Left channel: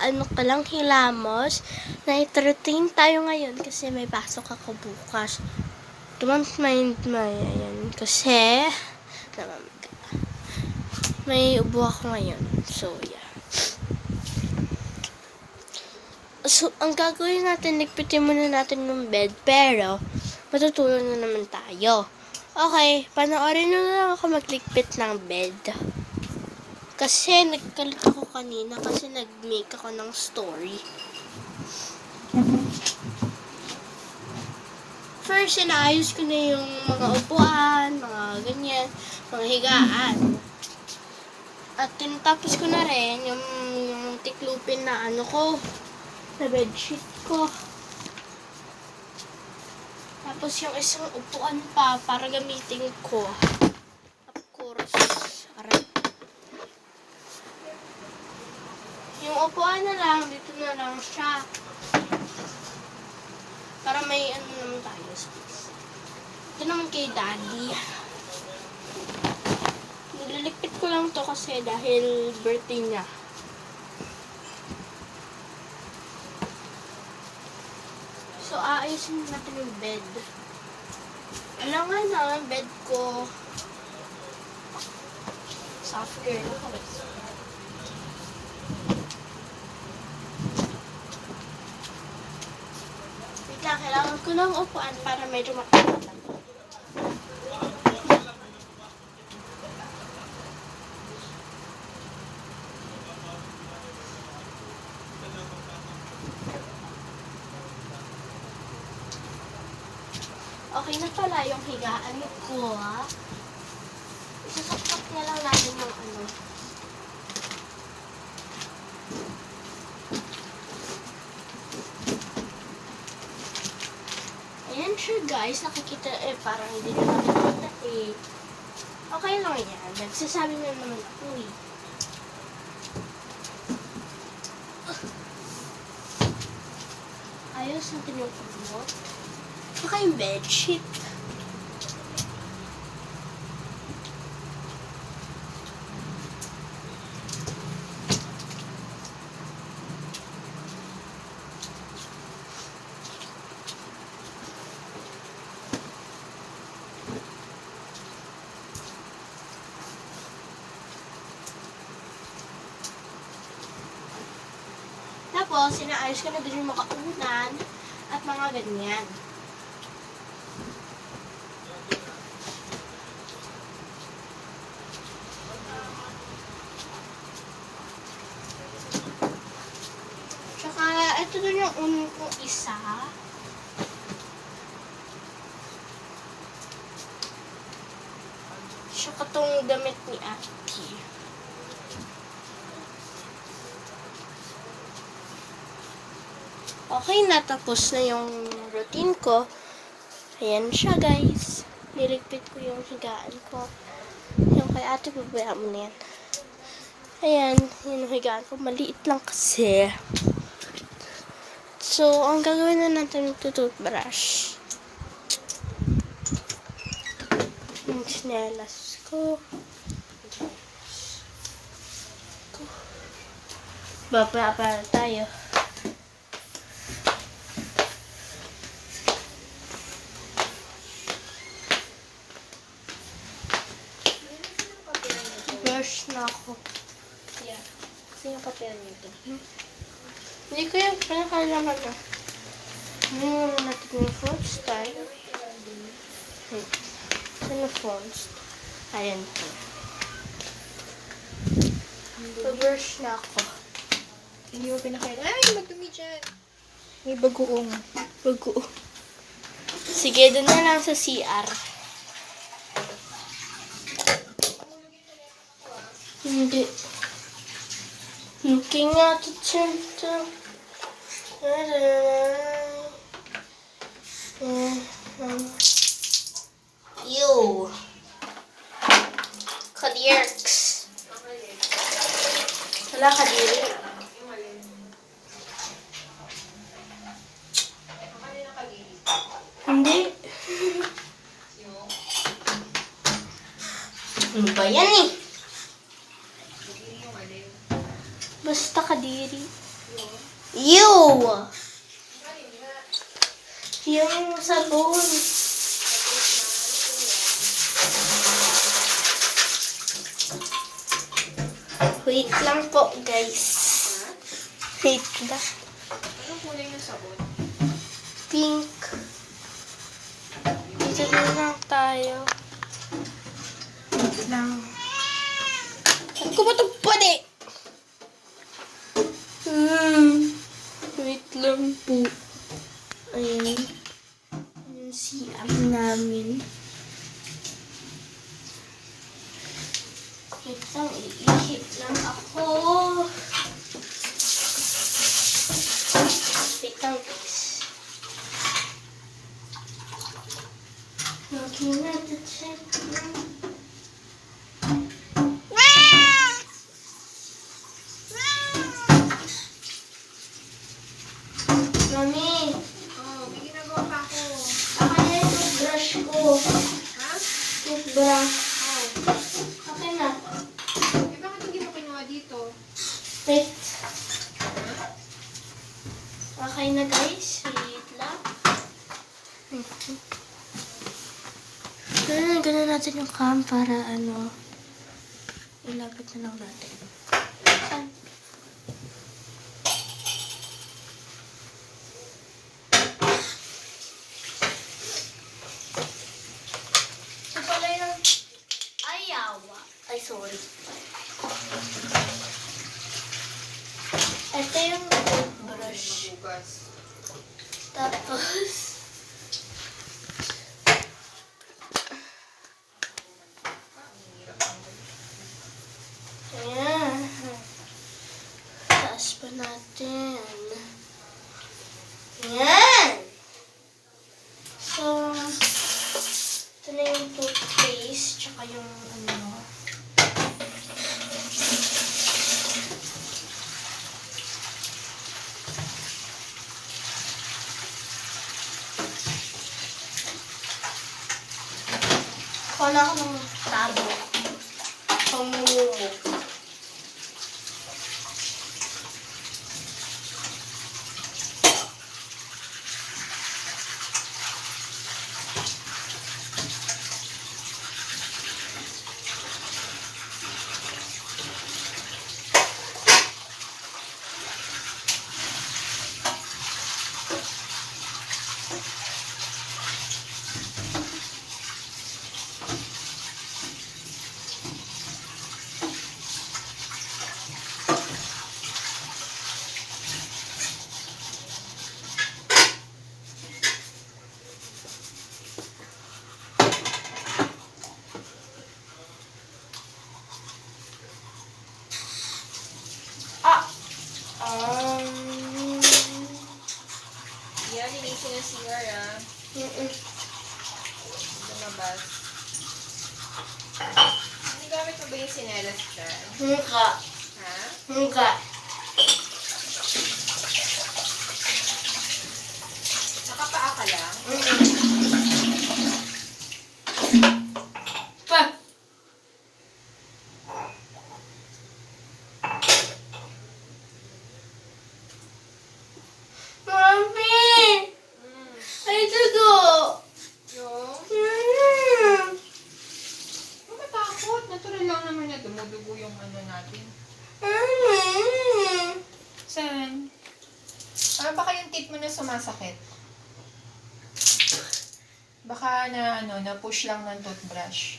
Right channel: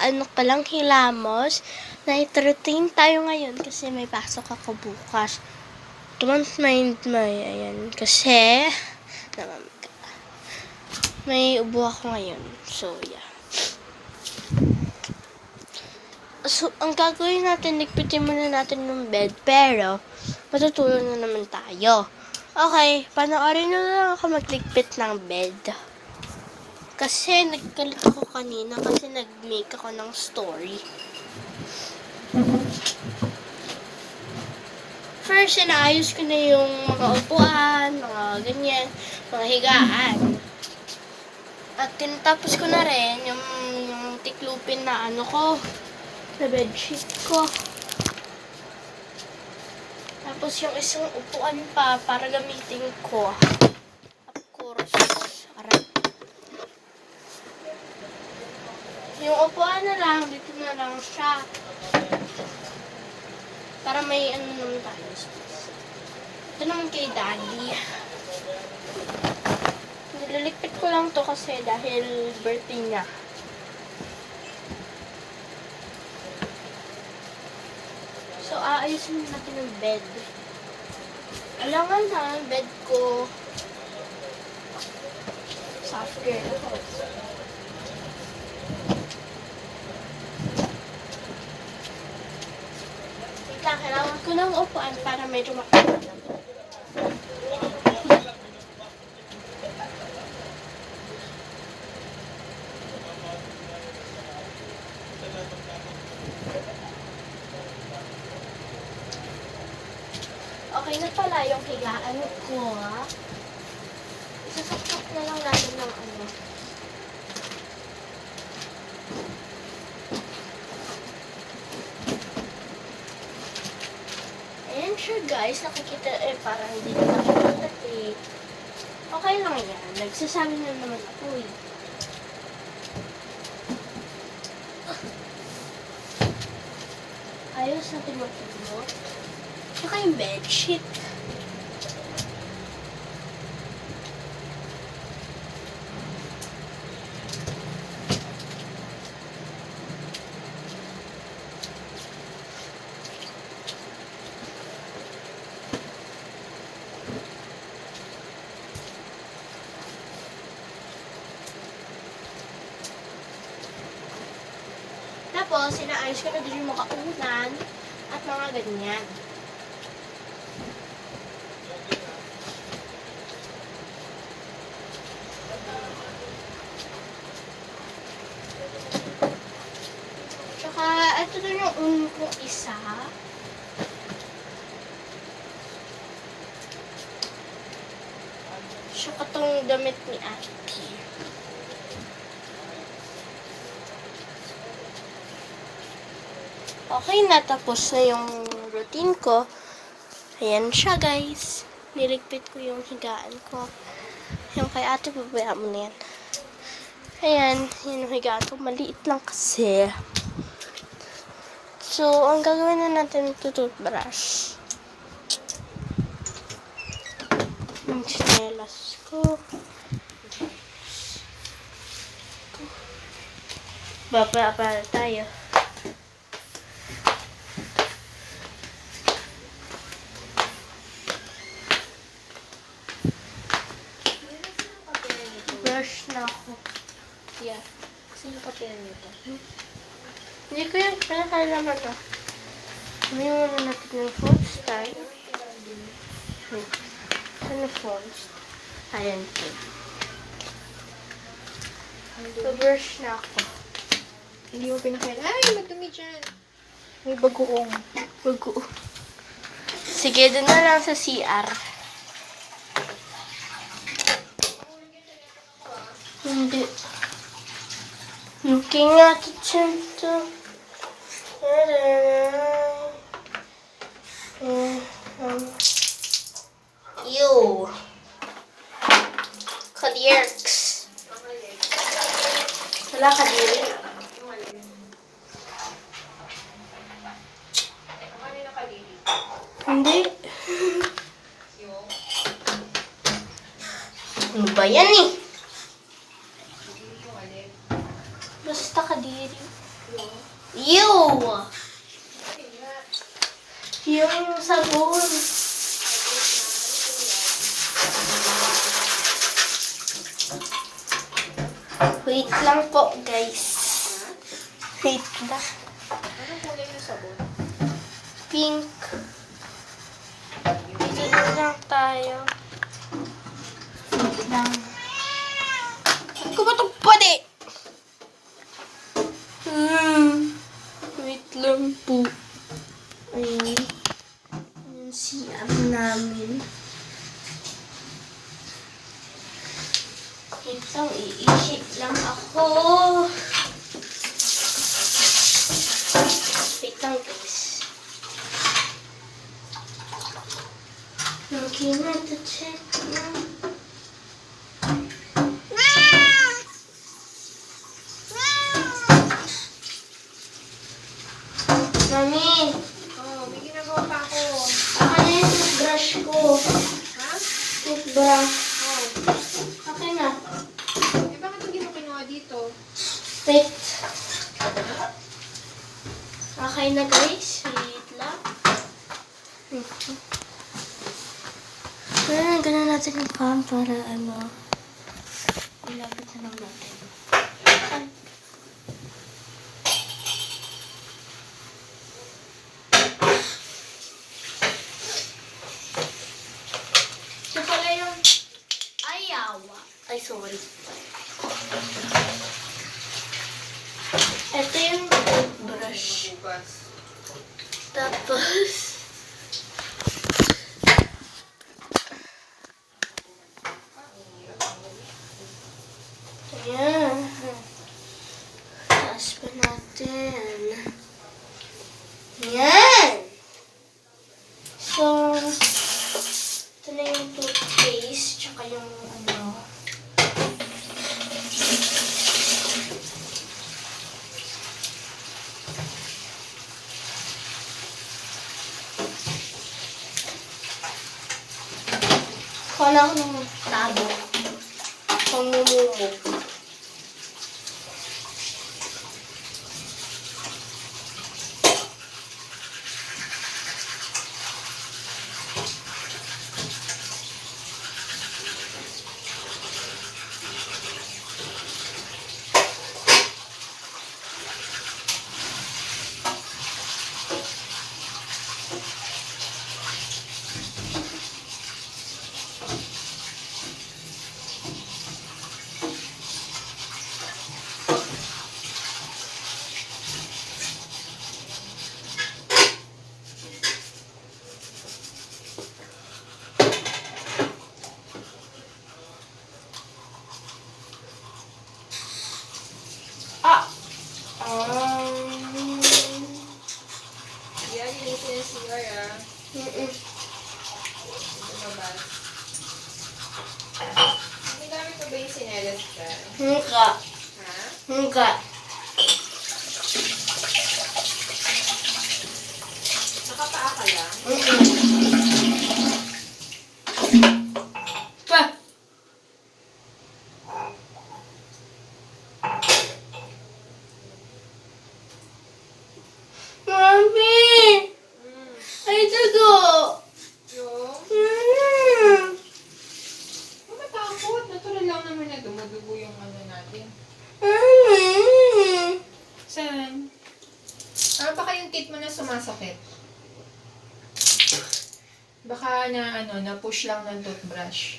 ano ka lang hilamos. Night routine tayo ngayon kasi may pasok ako bukas. Don't mind my, ayan, kasi may ubo ako ngayon. So, yeah. So, ang gagawin natin, ligpitin muna natin yung bed, pero matutulog na naman tayo. Okay, panoorin nyo na lang ako magligpit ng bed. Kasi nagkulit ako kanina kasi nag-make ako ng story. First, inaayos ko na yung mga upuan, mga ganyan, mga higaan. At tinatapos ko na rin yung tiklupin na ano ko, na bedsheet ko. Tapos yung isang upuan pa para gamitin ko. Of course. Aray. Yung upuan na lang, dito na lang siya. Para may ano naman tayo space. Ito naman kay Daddy. Nilalikpit ko lang to kasi dahil birthday niya. So, aayusin natin yung bed. Alangan na, bed ko. Softer na ko. Wait lang, kailangan ko ng upuan para medyo makita. Okay na pala yung higaan ko. Isasaksak na lang natin ng ano. Ayan siya guys. Nakikita parang hindi na nakikita eh. Okay lang yan. Nagsasabi na naman ako eh. Ayos natin yung ulo. Saka yung bedsheet. Tapos, sinaayos ko na din yung mga unan at mga ganyan. Tsaka, ito na yung unan kong isa. Tsaka itong damit ni Ate. Okay na, tapos na yung routine ko. Ayan siya guys. Niligpit ko yung higaan ko. Yung kay Ate, babaya mo na yan. Ayan, yun yung higaan ko. Maliit lang kasi. So, ang gagawin na natin ito toothbrush. Yung chinelas ko. Babaya para tayo. Brush na ako. Yeah. Sino papel nito? Hindi ko yung pinakalaman to. Sabihin muna natin yung font style. Wait. Saan yung font? Ayan po. So-brush na ako. Hindi mo pinakailan. Ay, magdumi dyan. May bagoong. Bago. Sige, doon na lang sa CR. Hindi. Looking at the center. Ew. Kadierks. Wala kadiri. Hindi. Ano ba yan eh? Basta ka kadiri. Ew! Yung sabon. Wait lang po, guys. Wait lang. Anong kulay ng sabon? Pink. Sige lang tayo. Wait lang. Ano ko ba itong pwede? Wait lang po. Ayun. Yung CR namin. Wait lang, iisip lang ako. Wait lang, guys. Okay na, to check na. Mami, Oh, may ginagawa pa ako. akin na yung toothbrush ko. Ha? Toothbrush. Oh. Akin na. Eh, bakit hindi mo kinuha dito? Wait. Okay na, guys. Wait lang. Wait. Ganun natin yung cam para ilapit na lang natin. Saan? Ito pala yung ayawa. Ay, sorry. Ito yung toothbrush. Bukas. Tapos, ayan. Taas pa natin. Ayan. So, ito na yung toothpaste, tsaka yung Kala ko ng tabo. Pamumumo. Ah! Yan, linisin na CR ah. Lumabas. Ang gamit mo ba yung sinelas ka? Hingga. Ha? Hingga. Nakapaa ka lang? Pa! Mami! Hmm. Ay, dugo! Yung? Mm. Huwag matakot. Natural lang naman na dumudugo yung ano natin. Mm. Saan? Ah, baka yung teeth mo na sumasakit. Baka na push lang ng toothbrush.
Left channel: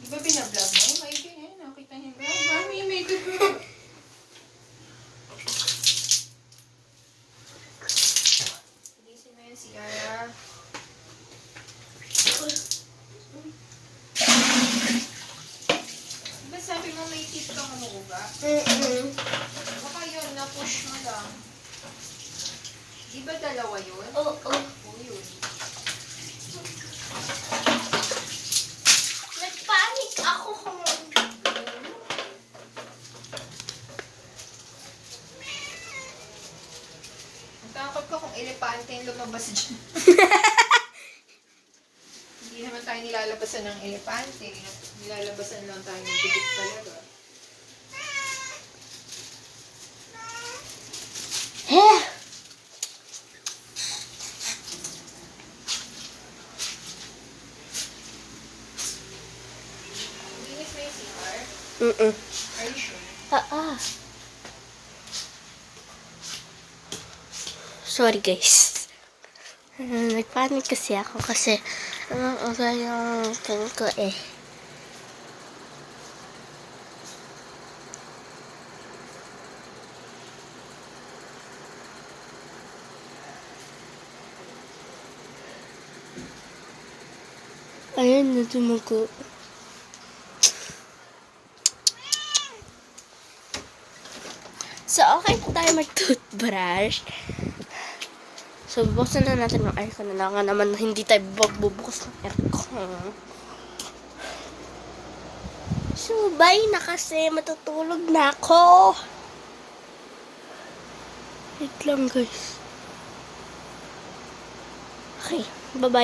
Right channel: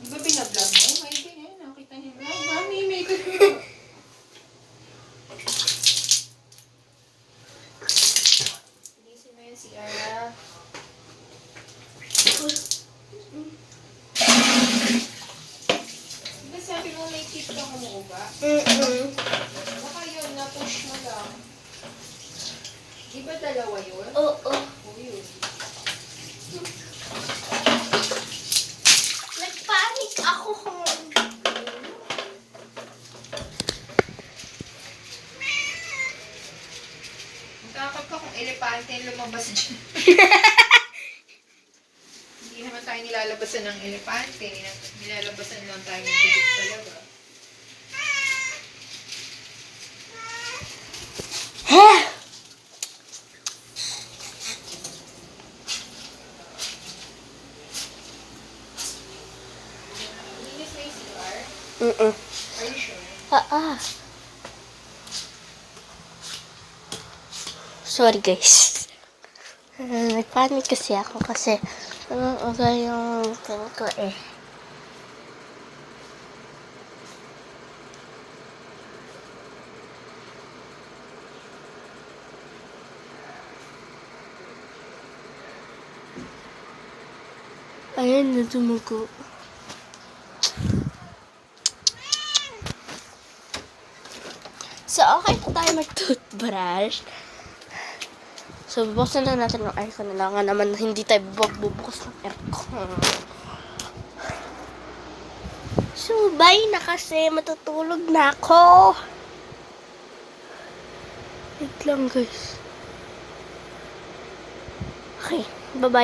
Di ba binablog mo? May ganyan, nakita niyo. Ay, mami, may good mo. Bilisin mo yung CR. Diba sabi mo may teeth kang umuuga? Baka yun, na-push mo lang. Di ba dalawa yun? Oo. Oo, yun. Nagpanik ako kung... Takot ko kung elepante yung lumabas dyan. Hindi naman tayo nilalabasan ng elepante. Nilalabasan lang tayo ng bigot talaga. Linis na yung CR? Mm-mm. Are you sure? Sorry guys. Nagpanik kasi ako kasi oras yung tingin ko eh. Ayun na tumugo. So, okay na tayo mag-toothbrush. So, bubuksan na natin yung aircon. Kailangan naman hindi tayo magbubukas ng aircon. So, bye na kasi. Matutulog na ako. Wait lang, guys. Okay, bye-bye.